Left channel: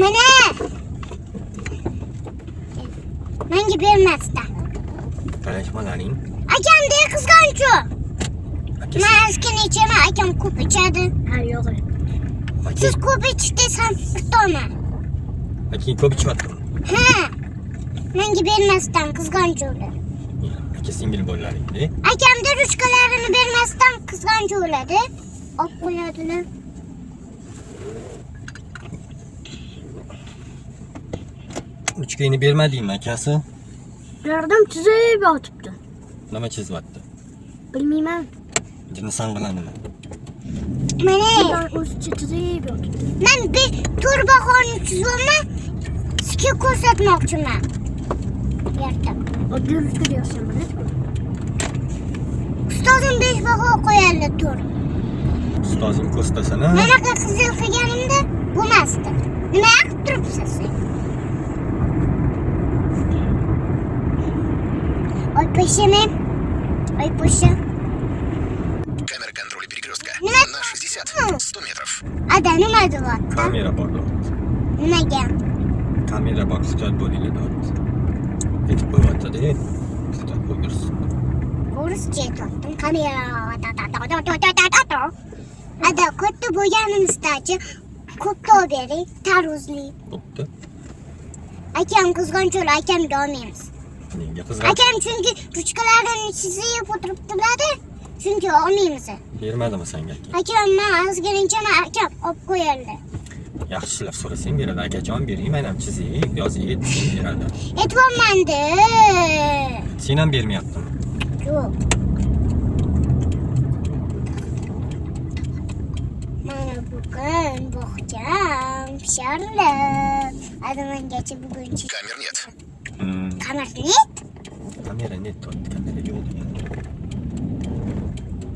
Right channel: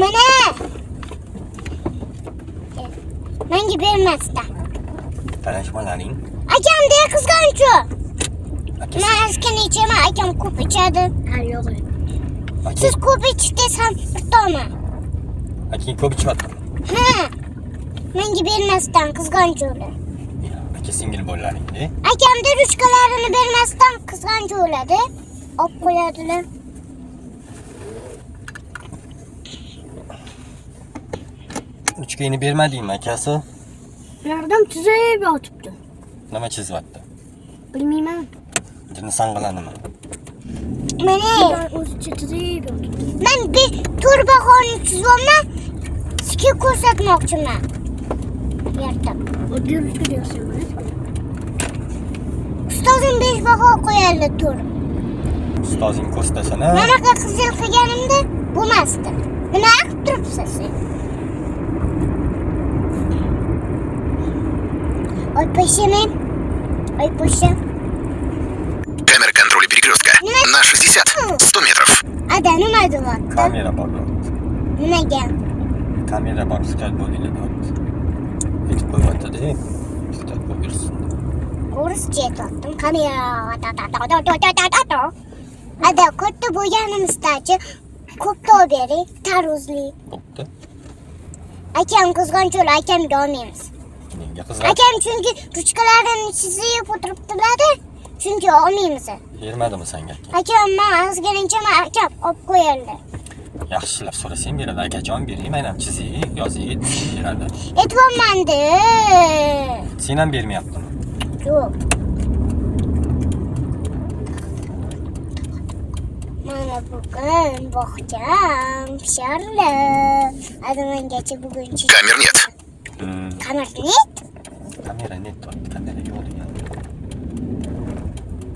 Mana. Menga bermasdan. Qarashmalaring. Akamda qizg'onchu. Aka, Men ozgina ichaman, akam ko'p ichadi. Ha, yo'q. Siz ko'p ichish desam, to'ma. aka ko'p ichyaptimi? Ha. Menga bermasdan qizg'onchu ular. Aka singil bo'lalaring-da. Akamda ruchkalarini bermasdan qizg'onchu bo'ladi. Olib qo'yadilar. Uchkayni bermadingmi akasi? Ulardan tuzayib yotibdi. Nima chizyapti? Bilmayman. Jinni sanqalanimi? Mana Ular o'zicha tuzayib yotibdi. men bir to'rbaqonni chizyapman. Sizga ko'rsatmoqchiman. Yerda. Oddiy ruchka deyapsan, mana. Ustozim 5 baho qo'yadi to'r. Ustozing ko'rstasana. Manaqa qizil qilganimda bo'lmasdi. Nima qilib turibsiz siz? Ой, пошемен. Ой, поша. Камера контроля перекрестка. На 60-100 метров. Ada nima deyapti? Kamera bor. Nimaga? Kamera bor, hujjat bo'linglar deyapti. Aytib qo'yyapti-da. Hujjat bo'ldirsin. O'rischa aytyaptim. Kamera. Ada katta bo'lganimizdachi ko'p to'v bering, taruzli. Bo'pti. Akam qizg'oncho'lar, akamga olmaymiz. Menga qizg'an. Akam chunki ruchkalarini chizib o'tiribdilar-da. Chunki olmaymiz. Bermadimi senga aka? Akam men ozgincha akam olib qo'yadi. Yaxshilab so'rasang beradi. Akajon bering, men ham chizay, yozay, beradi. Aytyapman-da. Sen ham bermayaptimi? Yo'q. Mana bugun bog'cham pishardi. Adamangacha bugun Камер нет. Kamera net. Kamera net, kamera yo'q.